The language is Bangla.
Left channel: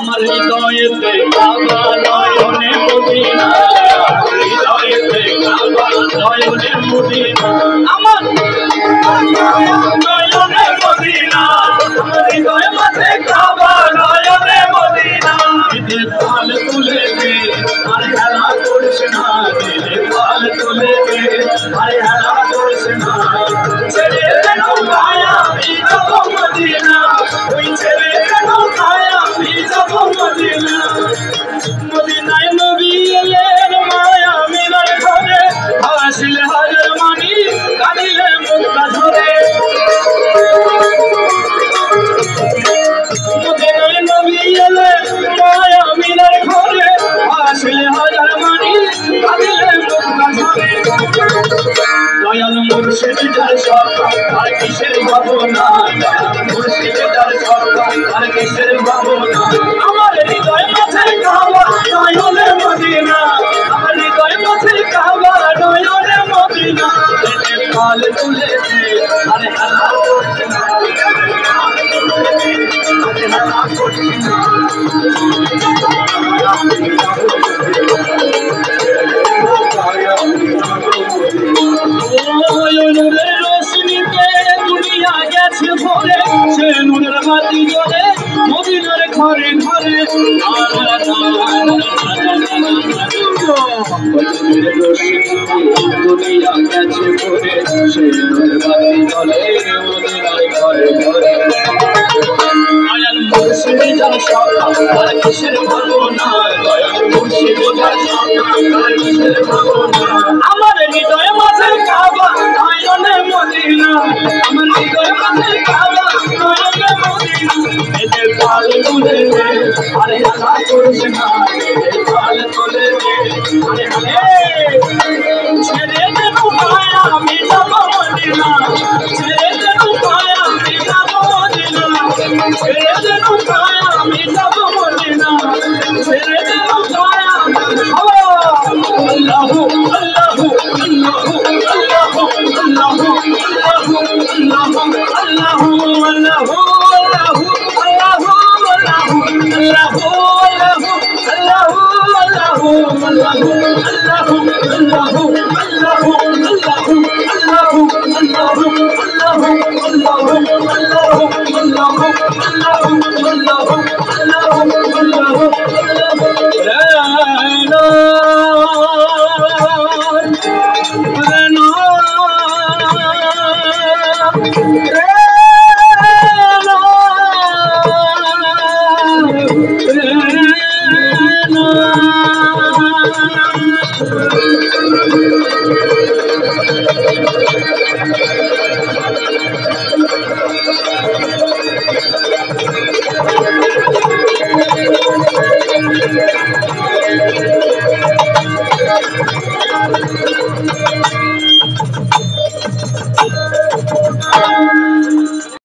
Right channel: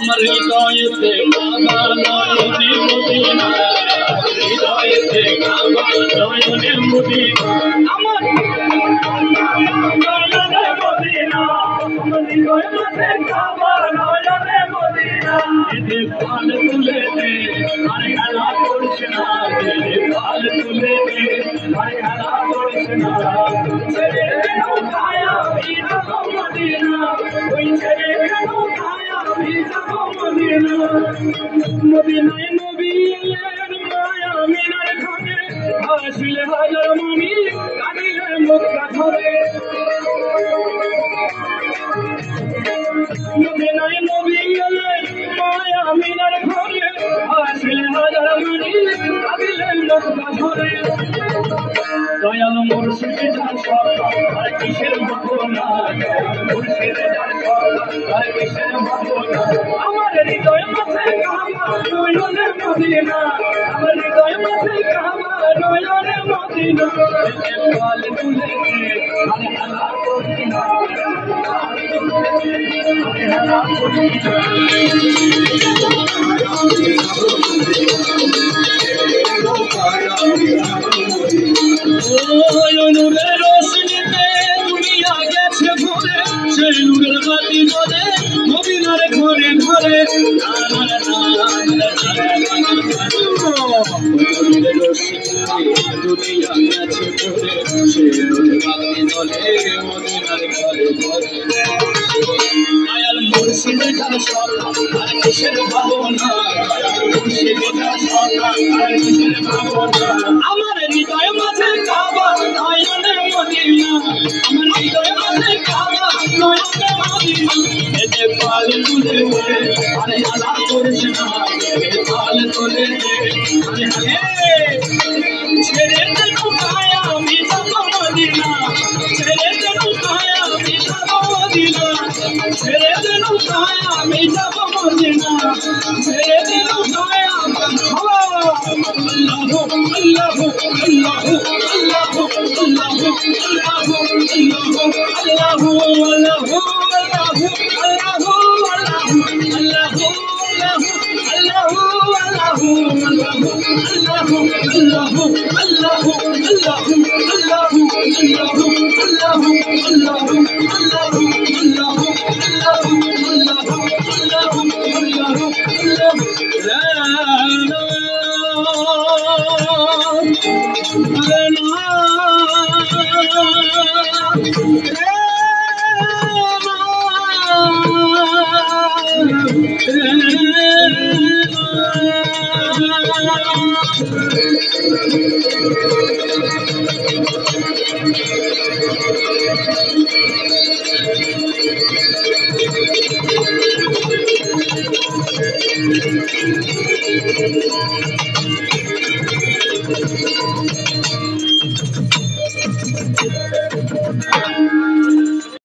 আমার হৃদয়েতে কাবা নয়নে মদিনা হৃদয়েতে কাবা নয়নে মদিনা আমার নয়নে মদিনা আমার হৃদয় মাঝে কাবা নয়নে মদিনা দিলে পাল তুলে দে আরে হেলা করিস না দিলে পাল তুলে দে আরে হেলা করিস না ছেড়ে কেন মায়া যাব মদিনা ওই ছেড়ে কেন মায়া যাব মদিনা মদিনায় নবী এলেন মায়া মিনার ঘরে হাসিলে হাজার মানি কাঁদিলে মুক্তা ঝরে মদিনায় নবী এলেন মায়া মিনার ঘরে হাসিলে হাজার মানি কাঁদিলে মুক্তা ঝরে দয়াল মুর্শিদ যার সরকার আর কিসের ভাবনা মুর্শিদ যার সরকার আর কিসের ভাবনা আমার হৃদয় মাঝে কাবা নয়নে মদিনা আমার হৃদয় মাঝে কাবা নয়নে মদিনা পাল তুলে দে আরে হেলা করিস না হেলা করিস না নূরের রোশনীতে দুনিয়া গেছে ভরে সে নূরের বাতি জ্বলে মদিনার ঘরে ঘরে নূরের রোশনীতে দুনিয়া গেছে ভরে সে নূরের বাতি জ্বলে মদিনার ঘরে ঘরে দয়াল মুর্শিদ যার সরকার আর কিসের ভাবনা দয়াল মুর্শিদ যার সরকার আর কিসের ভাবনা আমার হৃদয় মাঝে কাবা নয়নে মদিনা আমার হৃদয় মাঝে কাবা নয়নে মদিনা এতে পাল তুলে দে আরে হেলা করিস না পাল তুলে দে আরে ছেড়ে দেন মায়া আমি যাব মদিনা ছেড়ে দেন মায়া আমি যাব মদিনা ছেড়ে দেন মায়া আমি যাব মদিনা ছেড়ে দেন মায়া আল্লাহু আল্লাহু আল্লাহু আল্লাহু আল্লাহু আল্লাহু আল্লাহু আল্লাহু